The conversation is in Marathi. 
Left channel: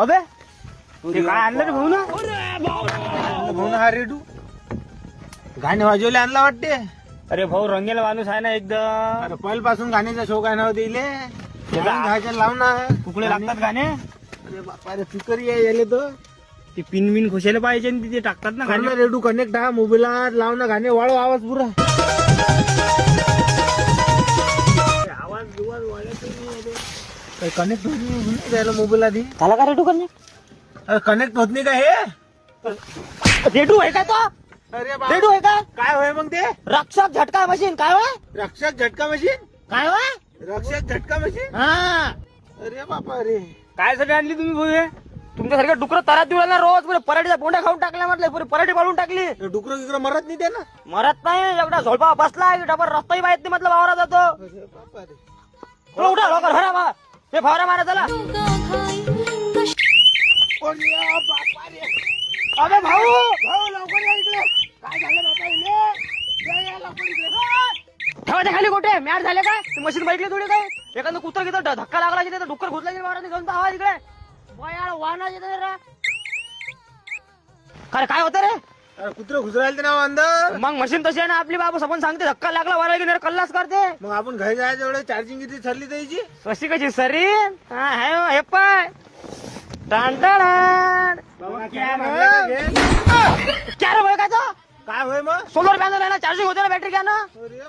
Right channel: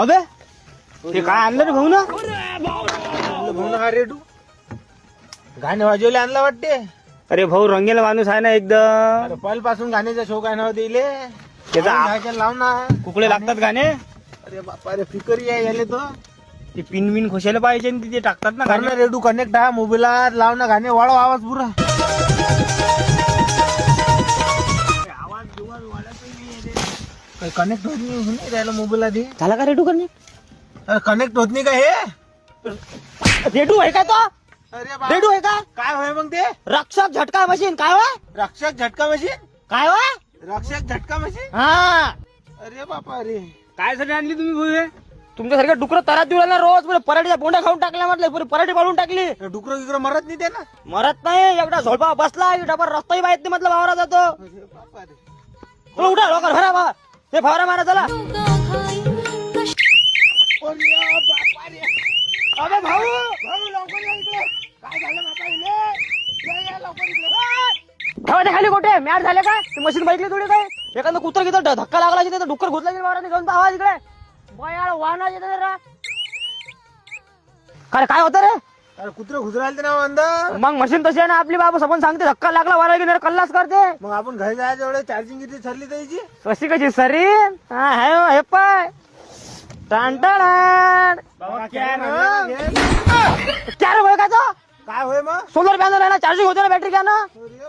अबे ते काय आणलं रे भाऊ ना? भाऊ ना हा रेडू गाणे वाजवले आणला वाटते. अरे भाऊ रंगेला माणूस आहे ना एकदम. अरे पहिल्यापासून गाण्याचा शौक आहे ना दिले त्याचा लाव ना. कुकडे लागतात गाणे. अरे बापा रे फिकर यायले तो ते पिन बिन खोशायला पाहिजे आणि ते टाकतात ना गाणं गाणे. रेडू कनेक्ट आहे मोबाईलात लाव ना गाणे वाढव आवाज पुरा. कनेक्ट होत नाही त्याला मोबाईल आधी झाला का रेडू करणे? कनेक्ट होत नाही का हे. रेडू आहे का तो? अरे रेडू आहे का? काय होय मग ते रक्षक झटका मशीन काय होय? रक्षक झटका मशीन. काय होय? रक्षक झटका मशीन. हा अरे बापा रे काय साठी आणली तुम्ही भाऊ? तुमच्यासारख्या डुकर तरात दिवला ना रोज पुरे पराठीचा बोंडा खाऊन टाकला म्हटलं पुरी पराठी पाळून टाकली. डुकर गिकर मरत नाही त्यानं. मरत नाही एवढा झोलपा बसला की डबर रस्ताही माहित नाही म्हटलं वावरा जातो. अरे बापा रे उठा लवकर हे बा हे फवारा मारा चला. अरे बापा रे अबे भाऊ भाऊ लवकर या इकडे. काय झालं बापा इले या लवकर इकडे. ठेवा खाली कुठे मॅट झाले का मशीन बैठली थोडी काय एखादं कुत्र घेतो धक्का लागला की डुक्कर घुसला की वावराने घेऊन आवाज इकडे बयाळ वाहना येतो रे. काय होतं रे? अरे कुत्र घुसरायला ना अंदर. मग मशीन तशी आहे ना आपली बाबा सबन सांगते धक्का लागला वारा की कल्लाच करते. मग आपण घरी जायचं एवढं चार्जिंग किती ठरली त्याची. कशी कशी सरी हे पाय काय रे भाऊ काय काय होय मग सोलर पॅनल आहे ना चार्जिंग होते ना बॅटरी घ्या ना. अरे